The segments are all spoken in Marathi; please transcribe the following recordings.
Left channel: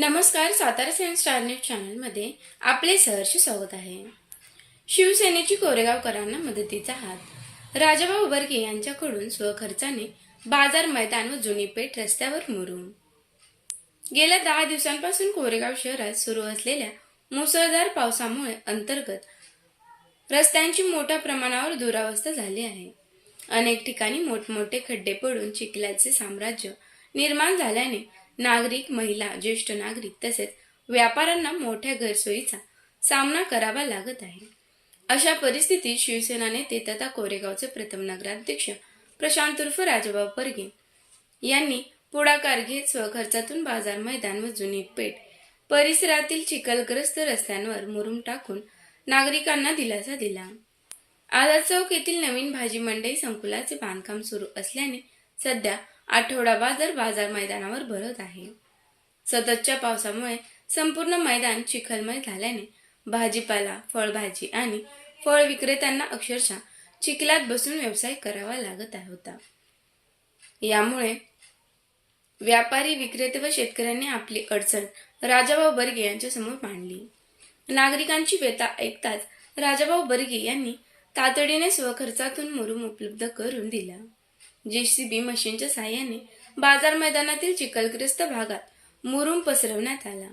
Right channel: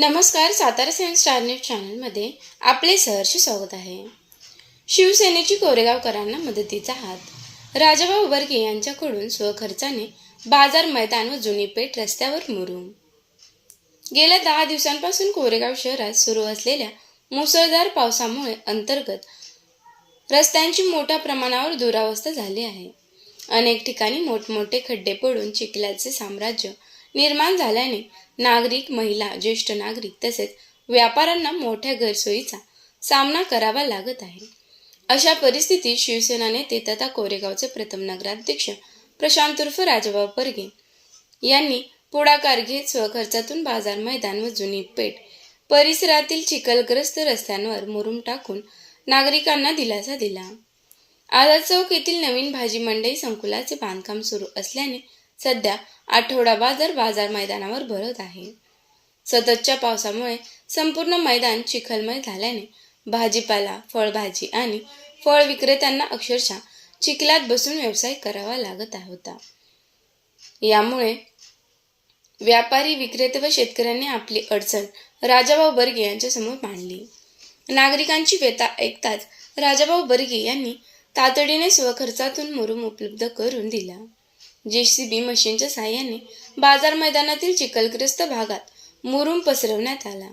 नमस्कार, सातारा सायन्स स्टार न्यूज चॅनलमध्ये आपले सहर्ष स्वागत आहे. शिवसेनेची कोरेगावकरांना मदतीचा हात. राजाभाऊ बर्गे यांच्याकडून स्वखर्चाने बाजार मैदान व जुनी पेठ रस्त्यावर मुरुम. गेल्या 10 दिवसांपासून कोरेगाव शहरात सुरू असलेल्या मुसळधार पावसामुळे अंतर्गत रस्त्यांची मोठ्या प्रमाणावर दुरावस्था झाली आहे. अनेक ठिकाणी मोठमोठे खड्डे पडून चिखलाचे साम्राज्य निर्माण झाल्याने नागरिक, महिला, ज्येष्ठ नागरिक तसेच व्यापाऱ्यांना मोठ्या गैरसोयीचा सामना करावा लागत आहे. अशा परिस्थितीत शिवसेना नेते तथा कोरेगावचे प्रथम नगराध्यक्ष प्रशांत उर्फ राजाभाऊ बर्गे यांनी पुढाकार घेत स्वखर्चातून बाजार मैदान व जुनी पेठ परिसरातील चिखलग्रस्त रस्त्यांवर मुरुम टाकून नागरिकांना दिलासा दिला. आझाद चौक येथील नवीन भाजी मंडई संकुलाचे बांधकाम सुरू असल्याने सध्या आठवडा बाजार मैदानावर भरत आहे. सततच्या पावसामुळे संपूर्ण मैदान चिखलमय झाल्याने भाजीपाला, फळभाजी आणि फळ विक्रेत्यांना अक्षरशः चिखलात बसून व्यवसाय करावा लागत होता. यामुळे व्यापारी, विक्रेते व शेतकऱ्यांनी आपली अडचण राजाभाऊ बर्गे यांच्यासमोर मांडली. नागरिकांची व्यथा ऐकताच राजाभाऊ बर्गे यांनी तातडीने स्वखर्चातून मुरुम उपलब्ध करून दिला. JCB मशीनच्या साहाय्याने बाजार मैदानातील चिखलग्रस्त भागात मुरुम पसरवण्यात आला.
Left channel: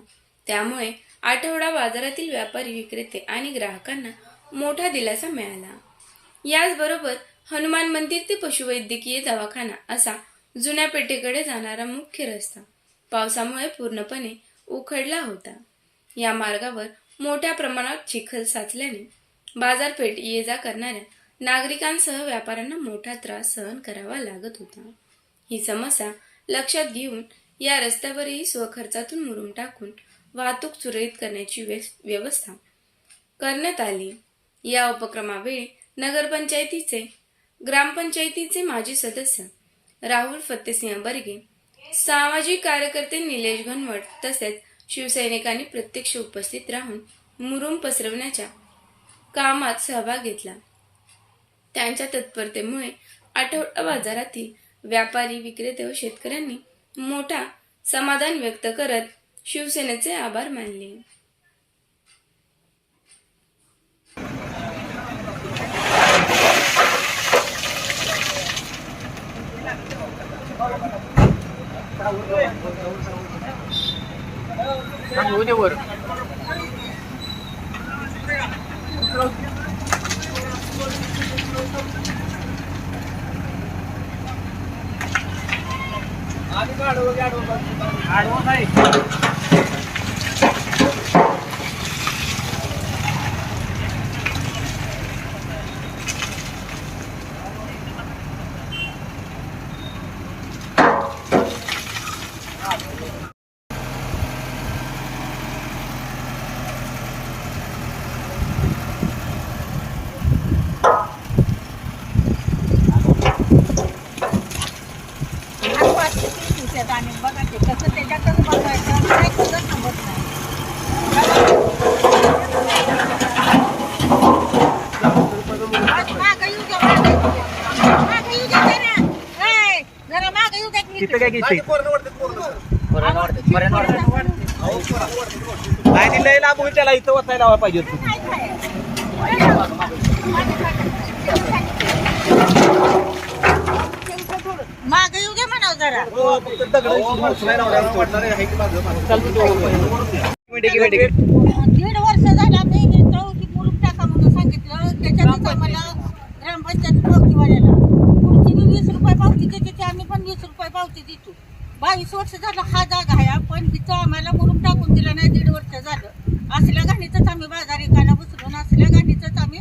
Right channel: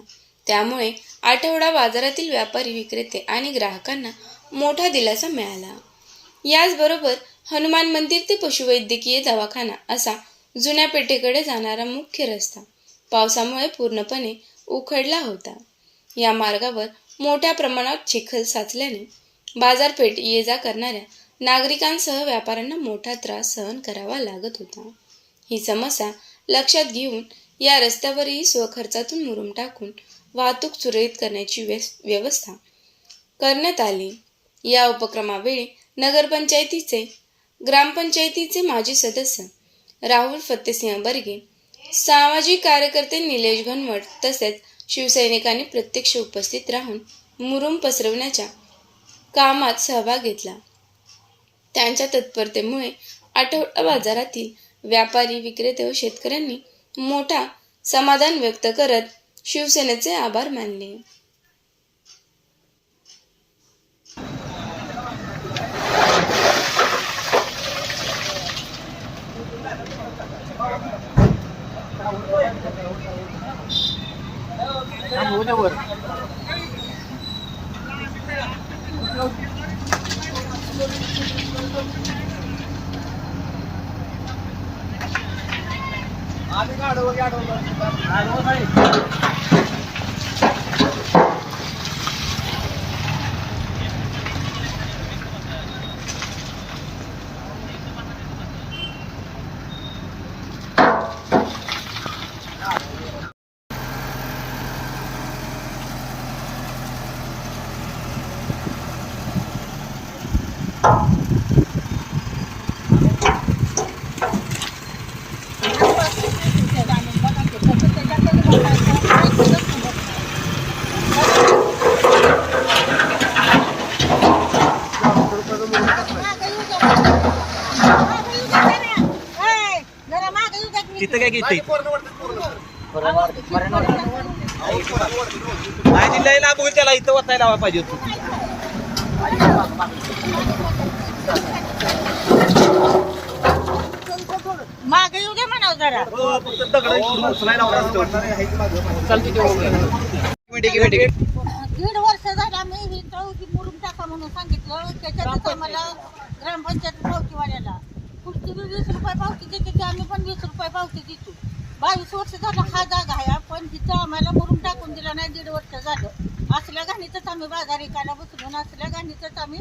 त्यामुळे आठवडा बाजारातील व्यापारी, विक्रेते आणि ग्राहकांना मोठा दिलासा मिळाला. याचबरोबर हनुमान मंदिर ते पशुवैद्यकीय दवाखाना असा जुन्या पेठेकडे जाणारा मुख्य रस्ता पावसामुळे पूर्णपणे उखडला होता. या मार्गावर मोठ्या प्रमाणात चिखल साचल्याने बाजारपेठ ये जा करणाऱ्या नागरिकांसह व्यापाऱ्यांना मोठा त्रास सहन करावा लागत होता. ही समस्या लक्षात घेऊन या रस्त्यावरही स्वखर्चातून मुरुम टाकून वाहतूक सुरळीत करण्याची व्यवस्था करण्यात आली. या उपक्रमावेळी नगरपंचायतीचे ग्रामपंचायतीचे माजी सदस्य राहुल फत्तेसिंह बर्गे, सामाजिक कार्यकर्ते निलेश घनवट तसेच शिवसैनिकांनी प्रत्यक्ष उपस्थित राहून मुरुम पसरवण्याच्या कामात सहभाग घेतला. त्यांच्या तत्परतेमुळे आठवडा बाजारातील व्यापारी, विक्रेते व शेतकऱ्यांनी मोठा समाधान व्यक्त करत शिवसेनेचे आभार मानले. तिथं काय किती नाही लय लांब होईल, त्याला इथं वतायला लावा पाहिजे होतं. मागे येऊ दे म्हणाव जरा. दीड वर्ष झाला मी चौकी मुरुम टाका म्हणून सांगितलं. त्याच्यातच आम्हाला ग्रामपंचायत पावतीवाल्याला पुढची 20 रुपये पावती देते, आम्ही पण 20 रुपये पावती देतो. 22 वर्ष झालं हा जागा आहे, पण तिथं आम्हाला मुरुम टाकून दिला नाही. 1.5 वर्ष झालं. असल्या घाणीतच आम्ही बाजार एकाला बसलो, असल्या घाणीतच आम्ही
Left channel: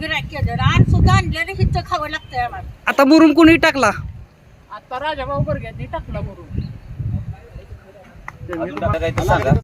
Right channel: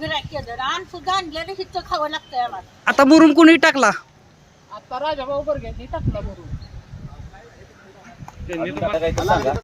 गिऱ्हाईक केलं. आणि सुद्धा आणलेलं हिचं खावं लागतंय आम्हाला. आता मुरुम कोणी टाकला? आता राजाभाऊ बर्गेंनी टाकला मुरुम.